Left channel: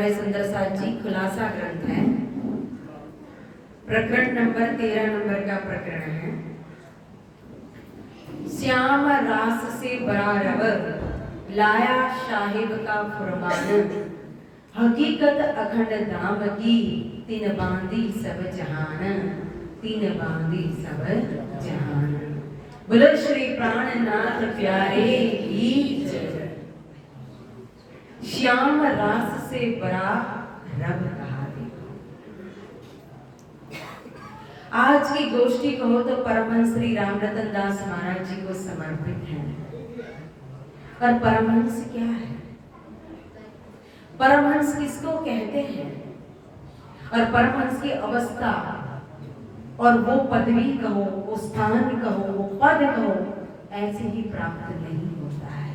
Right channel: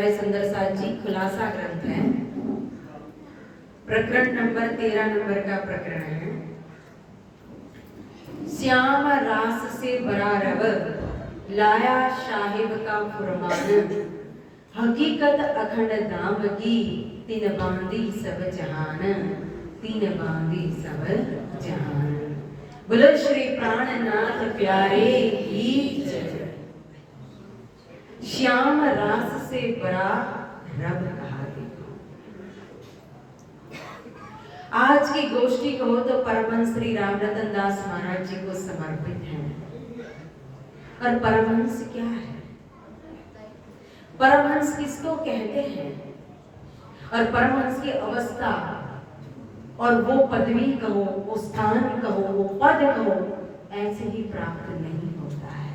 आचार्य सुंदर साथ जी खुलासा ग्रंथ है, प्रकरण नंबर 13 नंबर का प्रकरण है। श्याम रास से बड़ा रब लाया साहिब का फुरमान, हकीकत अखंड दाम की तीन बांधी सब जहान, तीन बांधी सब जहान। बोलो श्री प्राणनाथ प्यारे की जय। श्याम रास से बड़ा रब कहा। आज की गोष्ठी कहो तो परमहंस श्री रामरतन दास महाराज जी को समर्पित है। और परमहंस क्या है, परमहंस किसको कहते हैं, और परमहंस की अवस्था और वो पदवी कहो, वो स्थान कहो, वो पद कहो, ऐसे ही प्राप्त नहीं होता है।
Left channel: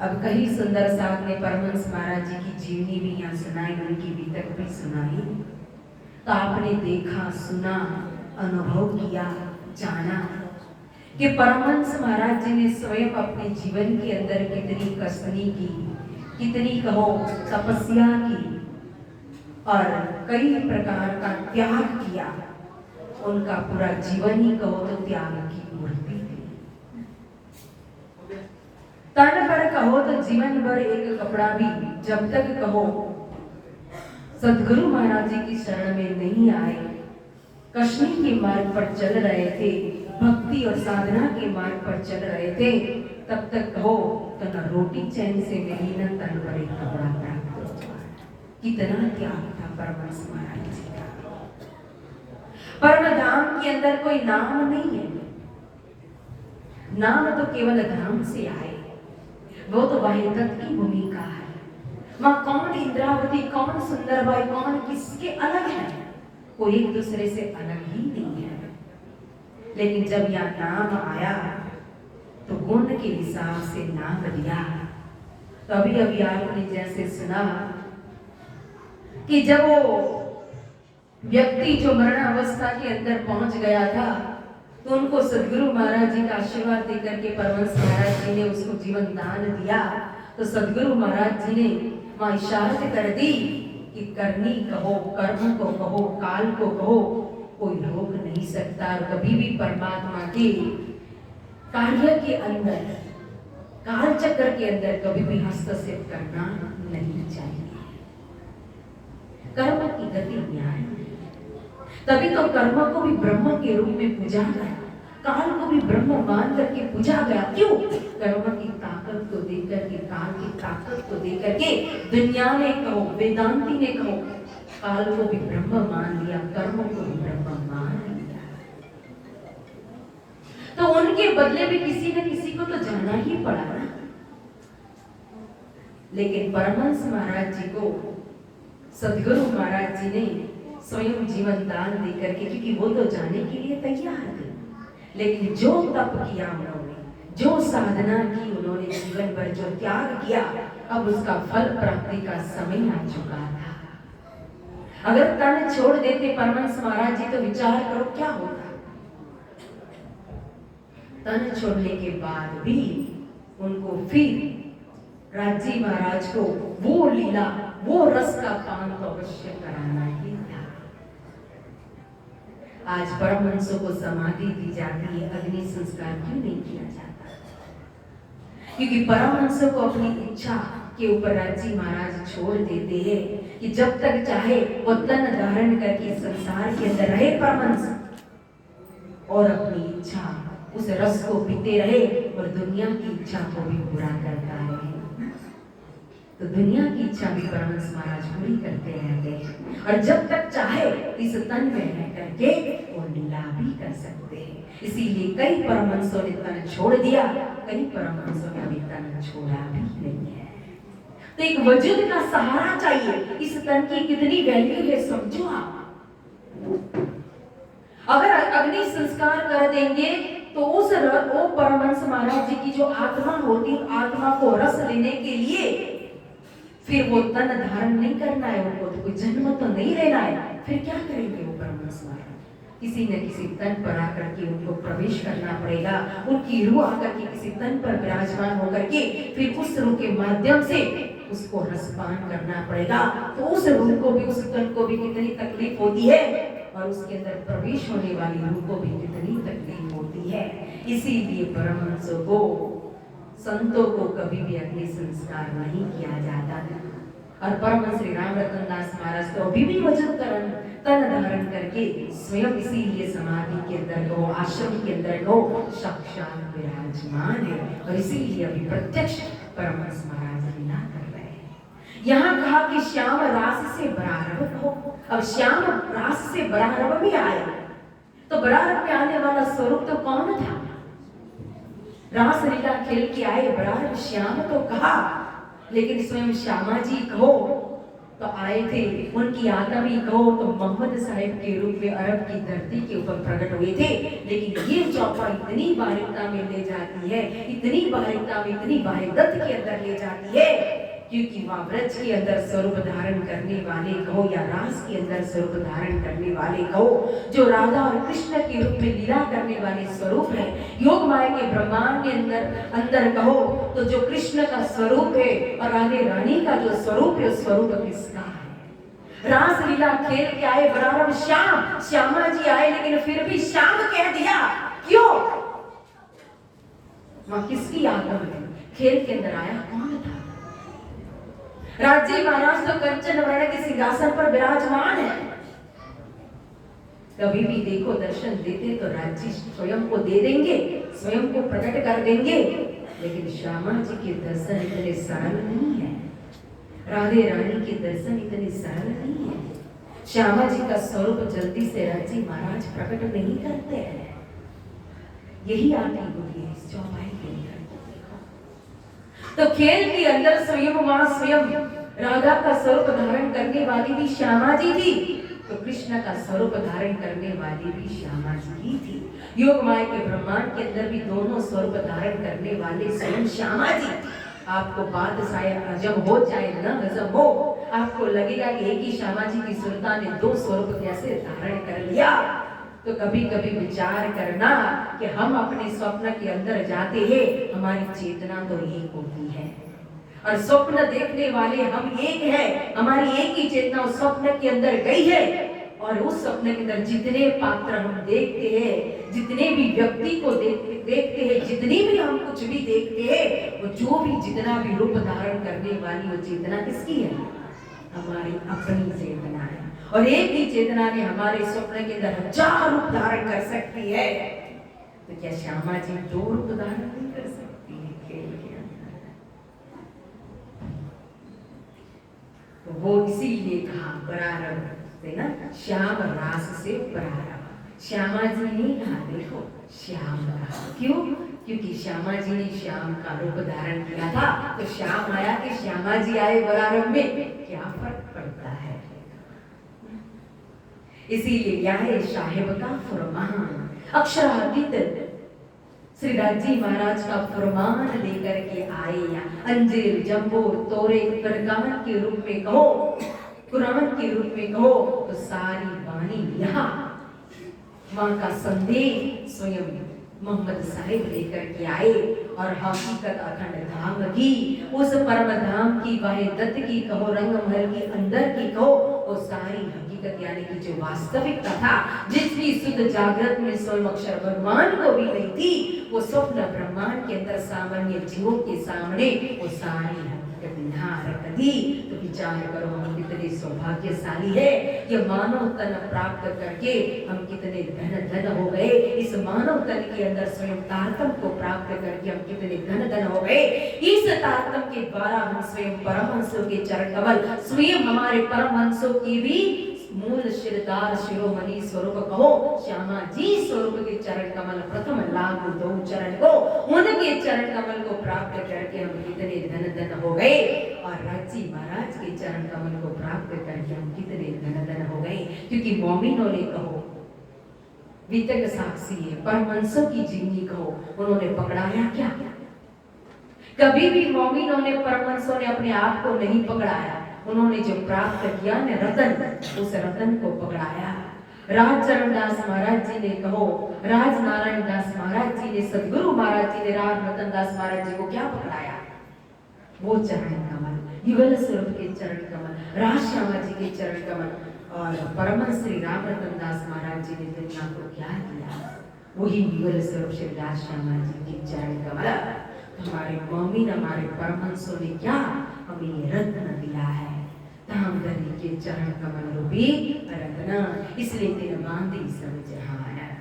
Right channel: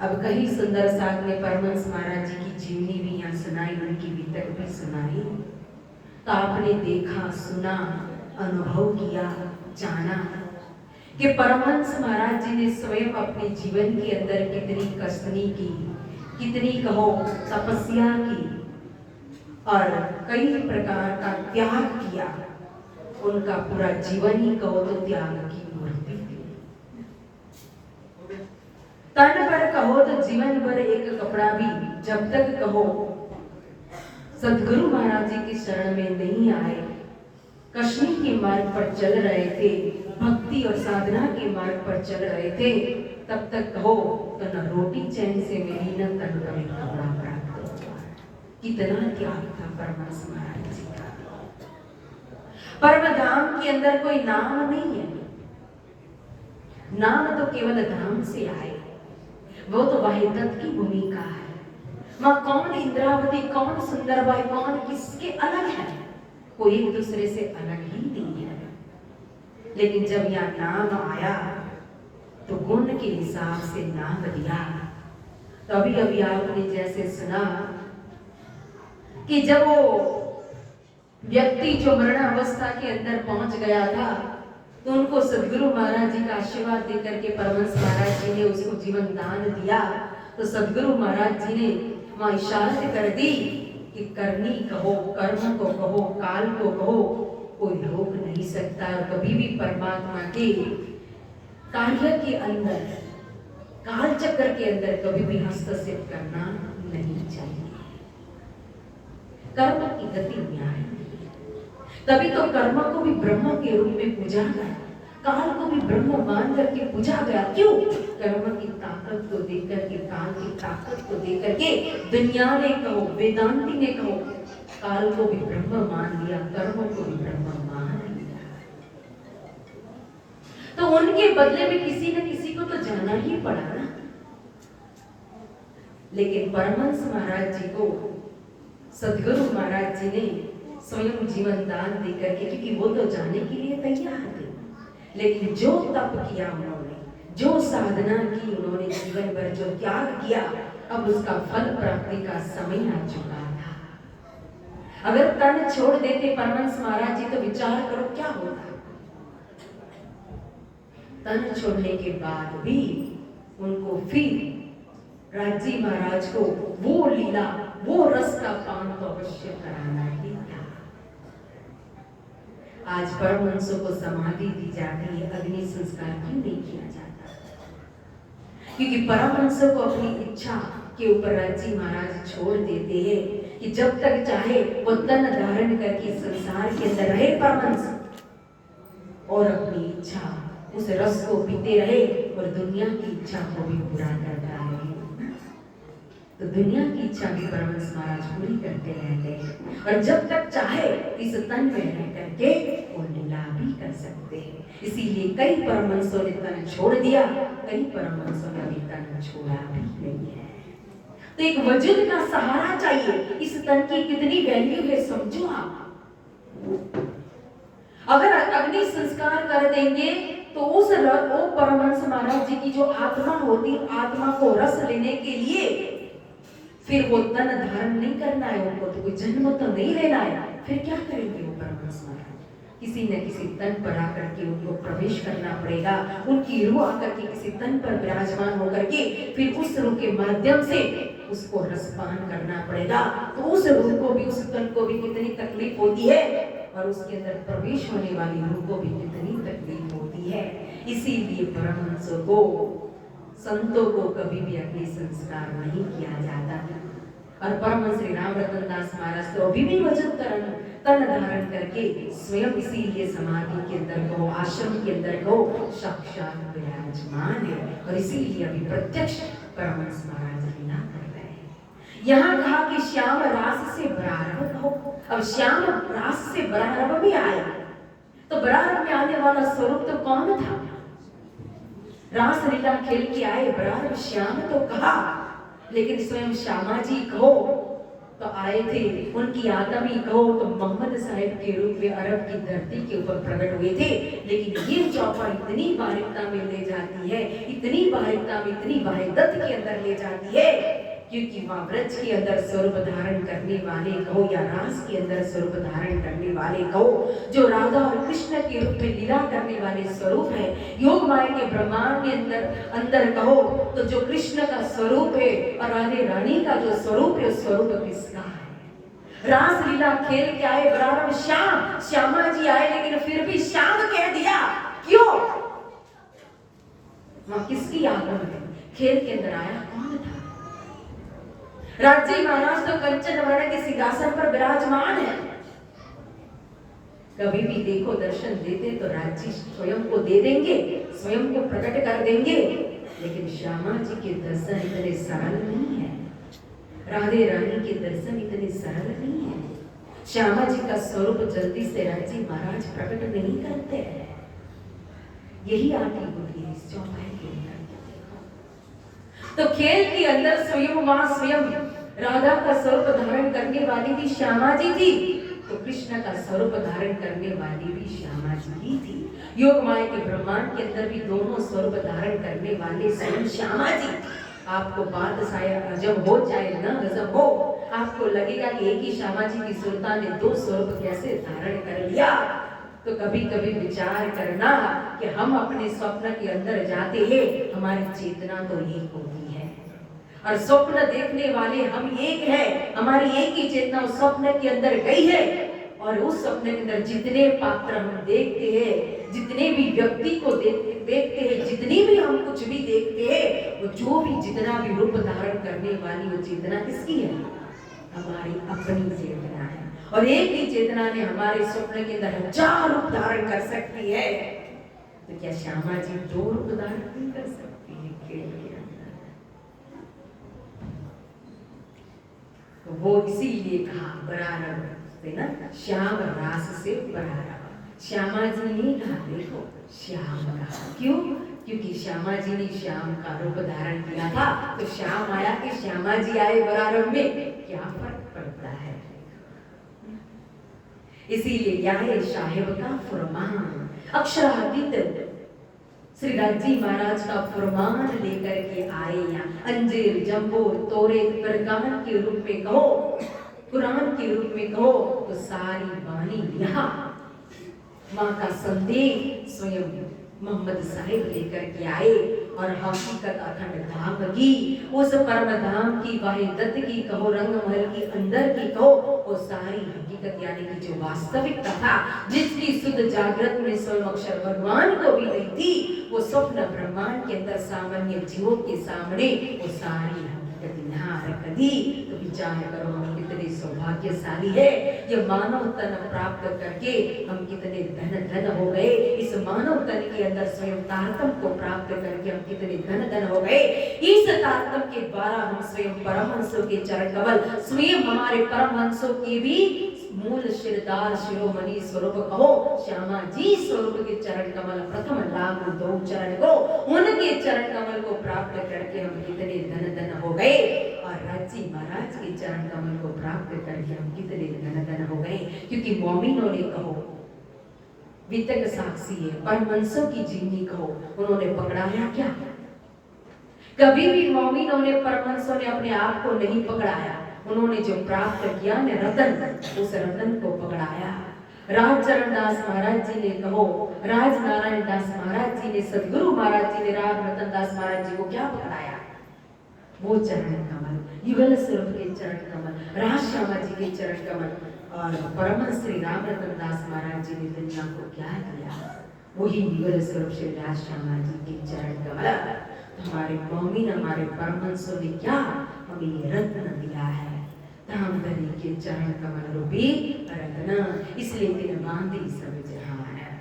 अब कहीं सुंदर साथ ने परमहंस महाराज जी की जीवनी भी यहाँ सुनाई, उनकी वितक भी सुनाई। तो आपने देखा, सुना, अनुभव किया, जाना कि परमहंस महाराज जी ने स्वयं अपने जीवन के अंदर कितनी कसनी की, कितनी कहो तपस्या की और कई प्रकार का त्याग किया। उनका पूरा जीवन ही कहो तो त्याग की मूर्ति थी। तन पर कहो तो जीवन भर एक कपड़ा भी जब तक कहो सदगुरु महाराज जी की शरण में नहीं आए, कश्मीर के मार्ग पर चल रहे थे, भक्ति और साधना के मार्ग पर चल रहे थे, तब तक कहो तो न रोटी चैन से मिली, न तन पर एक कपड़ा प्राप्त हुआ। कितना त्याग था परमहंस महाराज जी का। परम धाम के अंदर कोई नाम नहीं है, नाम तो केवल धाम से आए, वो तो वाहिदत की भूमिका है। वहां कौन इंद्रावती, कौन सुंदरबाई, कौन किसके अलग है, कोई एक दूसरे से अलग ही नहीं है। लेकिन जब यह नाम आया तो गुण के हिसाब से नाम दिया। तो अभी अभी आपने जैसे सुना कि जब वो व्यक्ति जो मरण अवस्था के अंदर पहुंच गया था, तो उनको सदगुरु महाराज जी का आशीर्वाद देकर के परमहंस महाराज जी ने उसको जीवन दान दिया। तो सदगुरु महाराज जी ने वहां इशारत कर दी कि करनी कहो, कर्म को कहो, काल को कहो, कोई रोक नहीं सकता। और कभी भी परमात्मा के कार्य के अंदर, काल चक्र के अंदर कभी भी हस्तक्षेप करना नहीं चाहिए। कर्म की गति न्याय, तभी तो कर्म को भी ब्रह्म के रूप में पूजा गया, काल को भी ब्रह्म मान करके पूजा गया। क्यों? कर्म की ताकत को देकर के, काल की ताकत को देकर के दुनिया ने कहो, वेदांती ने कहो, काल को भी ब्रह्म मान लिया, कर्म को भी ब्रह्म मान लिया। तो उनके बदले में किसी न किसी को तो जाना ही पड़ा ना। लेकिन परमहंस महाराज जी को सदगुरु महाराज जी ने स्वयं जीवन दान देकर के, क्योंकि वो तो जाने के लिए तैयार थे, लेकिन जो तप किया उन्होंने, जो साधना की उन्होंने, जीवन भर जो त्याग किया, अब उसका फल प्राप्ति का समय आ चुका था। अगर तन छोड़ देते परमहंस महाराज जी तो विचार करो क्या होता। तन छोड़ने के बाद भी उनको फिर राजी महाराज को वो लीला, वो रस का पान तो अवश्य कराना ही था। आज परमहंसों को समाधि दी जाती है, अग्नि संस्कार क्यों नहीं किया जाता? क्योंकि परमहंसों को अपनी इच्छा के ऊपर राजी महाराज छोड़ देते हैं कि जब तक चाहे वो तन धारण करके संसार के अंदर रहे परमहंस, और अपनी इच्छा उस रस को पीते रहे और दुनिया की इच्छा को भी पूरा करता है। तो दुनिया की इच्छा भी परमहंस महाराज पूरी करते रहते हैं, और जब तक चाहे इस तन में रह करके वो लीला भी कर सकते हैं। इसीलिए कई परमहंसों ने तन छोड़ दिया, कई परमहंसों ने अभी तन छोड़ा भी नहीं है। तो एक वजूद का सहारा चाहिए। इस तन की कितनी वैल्यू है समझो आप। अगर अग्नि संस्कार कर देंगे तो उस वो परमहंस महाराज जी की जो आत्मा होती, आत्मा को रस लेने के लिए फिर वो तन धारण नहीं करना है, उनको तो कोई जन्म तो नहीं लेना है, फिर क्या करेंगे वो परमहंस महाराज? किसी न किसी तन पर आकर के उनको प्रवेश करना पड़ेगा। उनकी रूह आकर के किसी तन पर विराजमान होकर के फिर उस रूह के माध्यम से उसको रसपान करना पड़ेगा। तो उस रूह को भी, उस तन को भी कितनी तकलीफ होती है, और उसके अंदर प्रवेश होने वाली रूह को भी कितनी तकलीफ होती है। इसीलिए परमहंसों को, संतों को कभी भी अग्नि संस्कार नहीं किया जाता। और परमहंस श्री राम रतन दास महाराज तो अभी भी वजन तन धारण करके स्वयं इसीलिए समाधि के अंदर को, आश्रम के अंदर को साक्षात विराजमान है, और इसीलिए अभी प्रत्यक्ष परमहंस महाराज लीला कर रहे हैं। यहाँ कहा कि श्याम रास से बरारव हो। अब श्याम रास से बरारव में आया, तो बरारव में आने वाला स्वरूप तो कौन था? रास लीला खेल के आए बरारव श्याम तो कहा, लेकिन स्वयं श्यामा जी कहो तो आए थे, उनकी आदमी कहो तो मोहम्मद साहिब के रूप में अरब की धरती के ऊपर प्रकट हुए थे। लेकिन ये चौपा इतनी बारीकता में ले जाती है, इतनी बारीकता में, इतनी बारीकता के अंदर ले जाती है, क्योंकि वहाँ ब्रज के अंदर स्वरूप धारण करने वाले कहो या रास के अंदर स्वरूप धारण करने वाले कहो, जो राधा और कृष्ण के रूप में लीला करने वाले स्वरूप है, योग माया के ब्रह्मांड के अंदर कहो तो जो कृष्ण का स्वरूप है और राधे रानी का जो स्वरूप है, उस स्वरूप किसका है? रास लीला खेल के आए बराबर श्याम, श्यामा जी आए, लेकिन फिर भी श्याम कह दिया, क्यों? वहां किसकी आगम है? खेल के अंदर आया कौन था? राज्य महाराज तो कंचन वर्ण के सिंहासन पर विराजमान है। कभी भी देखो दर्शन देते तो राज्य स्वयं को दे देंगे, स्वयं को प्रकट कर देंगे, लेकिन श्यामा जी के दर्शन इतने सरल नहीं है, राधे रानी के दर्शन इतने सरल नहीं है। श्यामा जी का स्वरूप जल्दी से राज्य महाराज प्रकट नहीं करते हैं। यही आती होती है इस चौपाई के अंदर। तो खेल के अंदर स्वयं वहां स्वयं राधा का स्वरूप धारण करने वाली भी श्यामा जी थी, तो कृष्ण का स्वरूप धारण करने वाली भी श्यामा जी ही थी। योग माया के ब्रह्मांड के अंदर भी दोनों स्वरूप धारण करने वाले स्वयं श्यामा जी। आपको बात शायद हजम हो जाए न हजम हो, आपको लगेगा कि एक ही श्यामा जी की सुरता ने दो स्वरूप कैसे धारण कर लिया। तो कभी कभी विचार करना कि हम अपने स्वप्न के अंदर जाते हैं, हमारी चेतना तो एक होती है, और स्वप्न देखने वाले हम एक हैं, हमारी एक ही चेतना उस स्वप्न के अंदर गई है, और उस स्वप्न के अंदर जितने पात्र हम देखते हैं, जितने भी व्यक्ति को देखते हैं, जितनी भी हम कुछ भी देखते हैं, वो जो भी जितना भी रूप धारण करने वाली वो चेतना किसकी है? हमारी अपनी चेतना है। और एक ही चेतना ने हमारे स्वप्न के अंदर हजार रूप धारण कर सकती है, तो क्या श्यामा जी दो रूप धारण नहीं कर सकती है खेल के अंदर? तो वो इसीलिए कहा बरारव से ना, श्याम रास से बरारव। श्यामा जी ने कहा देखो श्याम कहा, क्यों? क्योंकि श्यामा जी ने श्याम का रूप धारण किया था, तो श्याम आया कि श्यामा जी आए बरारव में, क्या फर्क पड़ता है? इसीलिए क्या है साहेब का फरमान, अक्षरातीत श्री राजी महाराज का फरमान लेकर के आए यहाँ। अंजीर जंबो तोरे परगान के रूप में कहो, कुरान के रूप में कहो, तो सारी वाणी यहाँ माँ का संदेश स्वयं मोहम्मद साहिब लेकर के आए, और हकीकत अखंड धाम की, उस परम धाम की, वाहिदत की कहो, रंग महल की अंदर की कहो, वो सारी हकीकत यानी कि जो वास्तविकता था, जिसकी शुद्ध जागृत में स्वयं अक्षर भगवान को भी नहीं थी, वो स्वप्न ब्रह्मांड के अंदर सामान्य जीवों के सामने वो सारी हकीकत यहाँ रख दी। तो विचार करो हम कितने सौभाग्यशाली है, ये मानव तन प्राप्त करके हम कितने धन हो गए। इस मानव तन के अंदर स्वयं तारतम को प्राप्त करके हम कितने धन हो गए। इस तारतम के द्वारा हम स्वयं परमहंसों के चरण कमल, स्वयं हमारे परमहंसों की भी मूल शिरदार शिरोमणि स्वरूप कहो, श्यामा जी स्वरूप के चरण कमल प्रथम लाभ दो चरण को, उनके चरण कमल को प्राप्त करके हम कितने धन हो गए, और राज्य महाराज के चरण कमल को प्राप्त करके हम कितने धन हो गए। क्योंकि मोमिनों ने कहो, वितक साक्षी है, परमहंसों की जिंदगी कहो, उन्होंने पकड़ाया क्या? कभी भी मोमिनों ने, परमहंसों ने अपने आप को नहीं पकड़ाया, उन्होंने जो प्राप्त किया ने रतन, उस रतन को पकड़ाया। राजचरण दास महाराज जी ने कहो, राज नारायण दास महाराज जी ने, सदगुरु महाराज जी ने राज रतन दास महाराज जी को क्या पकड़ाया? वो चरण कमल। युगल स्वरूप के चरण कमल, राज श्यामा जी के चरण कमल, और परमहंस श्री राम रतन दास महाराज जी ने दुनिया को क्या दिया, वही युगल स्वरूप श्री राज श्यामा जी के चरण कमल। हमारे मौमिन, हमारे परमहंसों ने क्या हमें ये रत्न दिया है, धाम धरी के चरण कमल रूपी रत्न, इसलिए तेरे बांधी सब जहां है।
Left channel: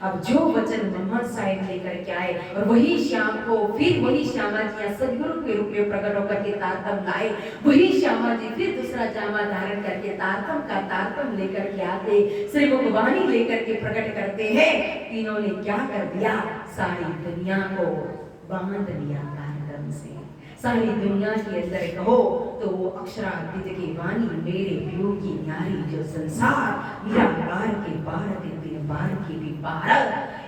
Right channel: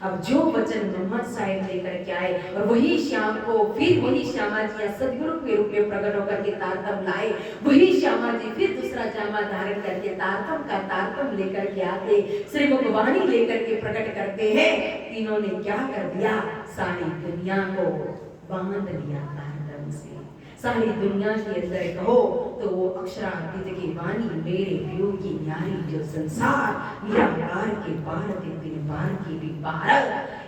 अब जो वचन मोहम्मद साहिब लेकर के आए और वही श्याम को फिर वही श्यामा जी सदगुरु के रूप में प्रकट होकर के तारतम लाए, वही श्यामा जी फिर दूसरा जामा धारण करके तारतम का तारतम लेकर के आते, श्री मुखवाणी लेकर के प्रकट करते हैं। तीनों ने क्या कर दिया, सारी दुनिया को बांध लिया तारतम से। सारी दुनिया के अंदर कहो तो वो अक्षरातीत की वाणी, मेरे प्यो की न्यारी जो संसार, मेरा पार के पार ते तेरे पार की भी पार,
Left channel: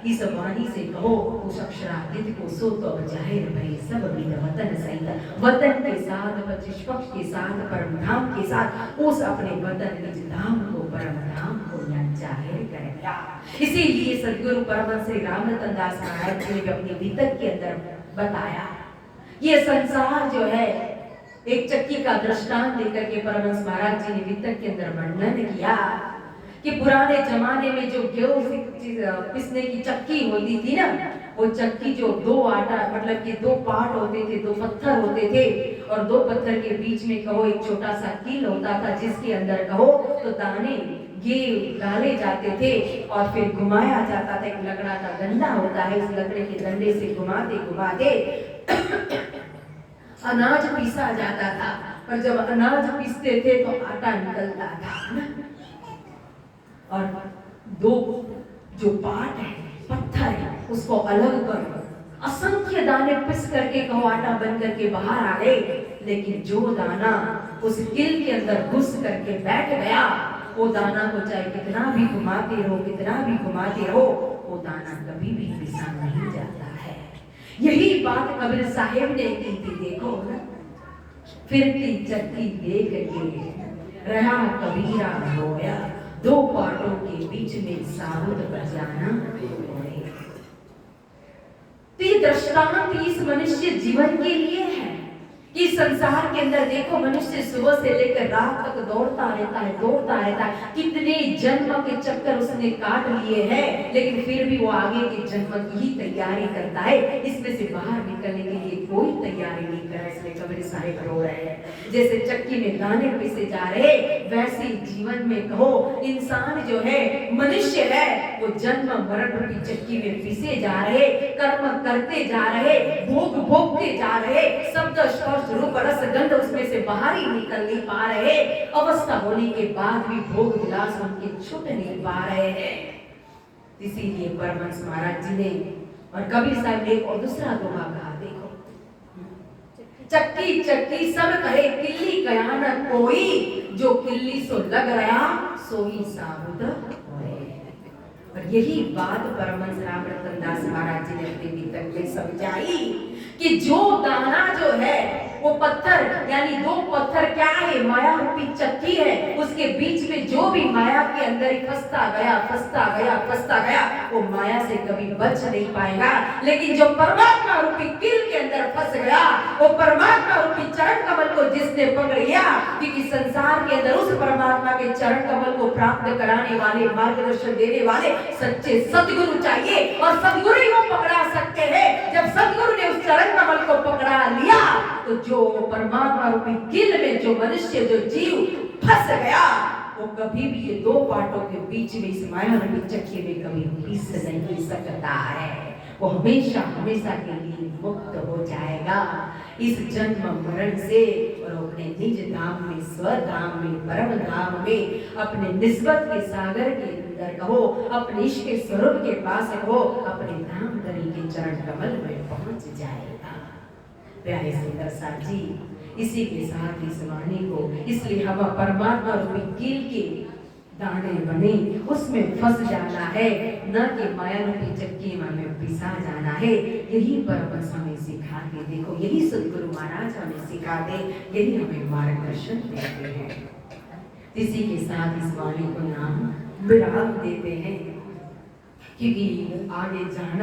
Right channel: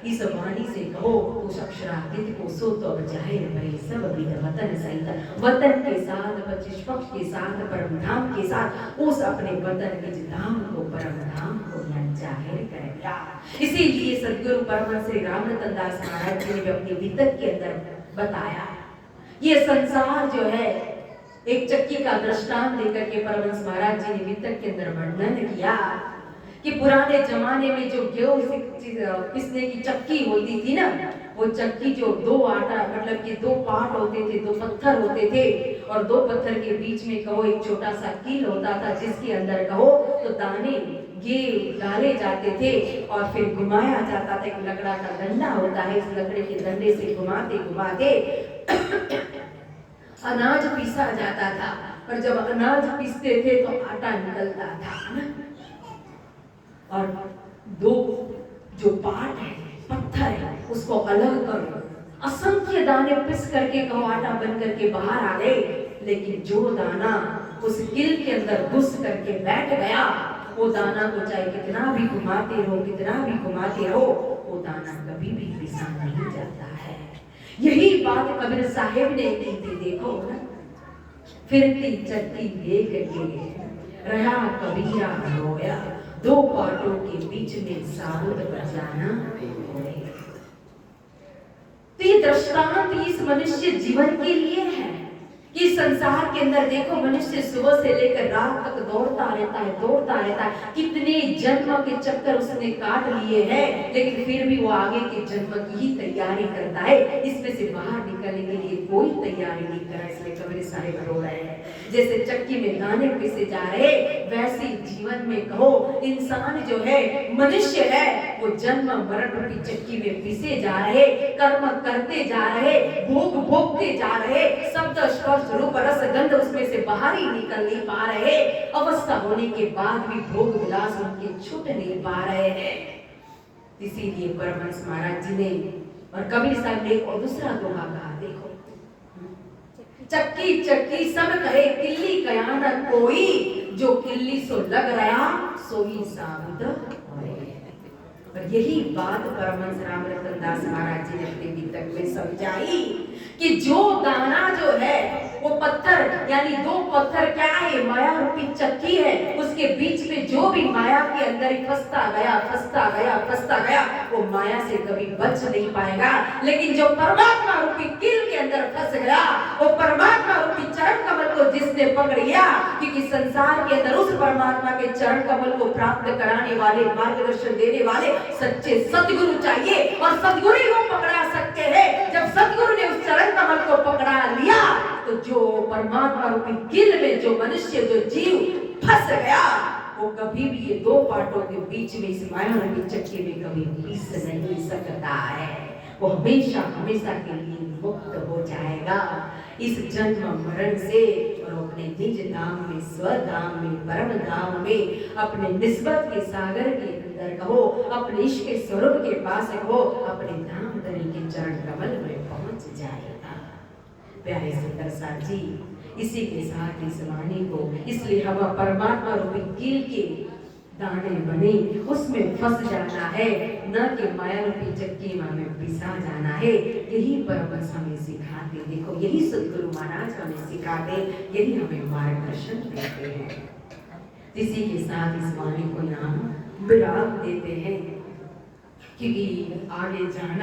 इस वाणी से कहो उस अक्षरातीत को सो तो जाहिर भई सब विद वतन सहित, वतन के साथ पच्चीस पक्ष के साथ परम धाम के साथ उस अपने वतन निज धाम को परम धाम को जाहिर कर दिया। इसीलिए सदगुरु परमहंस श्री राम रतन दास महाराज जी ने अपने भीतर के अंदर बताया, ये संसार जो है एक चक्की का दृष्टांत देकर के परमहंस महाराज जी ने वितक के अंदर वर्णन किया कि पुराने जमाने में जो गेहूं पिसने की चक्की होती थी ना, वो चक्की जो दो आटा मतलब कि दो पार्ट होते थे, दो पत्थर होते थे, और दो पत्थर के बीच में कहो एक छोटा सा कील होता था, जिसके अंदर कहो तो दाने ये डाले जाते थे और फिर घुमाया जाता था। एक लकड़ा का डंडा होता है, इस लकड़े के डंडे से घुमाते घुमाते अनाज पीसा जाता था, और जब अनाज पीसते थे तो आटा निकलता था, और दो जो पार्ट है पत्थर है उसको अलग कर असंख्य दाने पिस करके कहो आटा बन करके बाहर आ गए, लेकिन जो दाना उस किल के अंदर घुस करके बैठ गया, वो दाना को चाहे कितना भी घुमाते रहो, कितना भी घुमाते रहो, वो दाना कभी भी पिसा नहीं जाता है। यही बात कबीर साहिब ने की थी। देखो ना, फिरती चक्की देख के रहा कबीरा रोया, दो पाटों के बीच में साबुत बजाना। तो ये दृष्टांत इस मनुष्य जीवन के लिए है कि संसार के अंदर देखो मनुष्य सुबह से लेकर रात तक दौड़ता रहता है, दौड़ता रहता है। कितने जन्म के चक्कर उसने काट लिए हैं, लेकिन फिर भी वो आगे के जन्म की ही तैयारी करता है। इसमें से बाहर निकलने के लिए कोई तैयारी नहीं कर रहा, इसलिए कबीर साहिब रो रहे हैं। जैसे चक्की में दाने पिसे जा रहे, वैसे जीवन में कहो इंसान जो है, मनुष्य है, वो जन्म मरण रूपी चक्की में पिसे जा रहे, कर्म करते जा रहे, भोग भोगते जा रहे, शब्द स्पर्श रूप रस गंध उसमें से बाहर ही निकल नहीं पा रहे। अवस्था होने के बाद भी भोग विलास उनके छूट नहीं पा रहे हैं। इसीलिए परमहंस महाराज जी ने और कबीर साहब ने और दूसरा दोहा कहा, देखो चक्की चक्की सब कहे किल्ली कया न कोई, जो किल्ली सो लग रहा सोई साबुत होए। और यही बात परमहंस राम रतन दास महाराज जी ने अपने वितक में समझाई कि जो दाना जो है वो पत्थर, यानी दो पत्थर क्या है, माया रूपी चक्की है, उसके बीच में जो भी माया के अंदर ही फंसता गया फंसता गया फंसता गया, वो माया से कभी बच नहीं पाएगा। लेकिन जो परमात्मा रूपी किल के अंदर फंस गया, वो परमात्मा रूपी चरण कमल को जिसने पकड़ लिया, क्योंकि संसार के अंदर उस परमात्मा के चरण कमल को प्राप्त कराने वाले, मार्गदर्शन देने वाले सच्चे सदगुरु चाहिए, और सदगुरु ही वो पकड़ा सकते हैं। जब सदगुरु ने उस चरण कमल को पकड़ा लिया, तो जो परमात्मा रूपी किल में जो मनुष्य जो जीव फंस गया, वो कभी भी ये दो पाटों के बीच में इस माया रूपी चक्की में कभी पिस नहीं सकता है। वो हमेशा हमेशा के लिए मुक्त हो जाएगा इस जन्म मरण से, और अपने निज धाम में, स्वधाम में, परम धाम में, अपने निस्बत के सागर के अंदर कहो, अपने इश्क के स्वरूप के पास कहो, अपने धाम धनी के चरण कमल में पहुंच जाएगा। प्यारे सुंदर साथ जी, इसी के साथ इस वाणी को, इसलिए हम परमात्मा रूपी कील के दाने बने उसमें फंस जाना है, न कि माया रूपी चक्की में पिसा जाना है। यही परमहंस हमें सिखाते, देखो यही सदगुरु महाराज हमें सिखाते, यही हमें मार्गदर्शन देते हैं। इसी के साथ इस वाणी को नाम विराम देते हैं, क्योंकि आगे जाना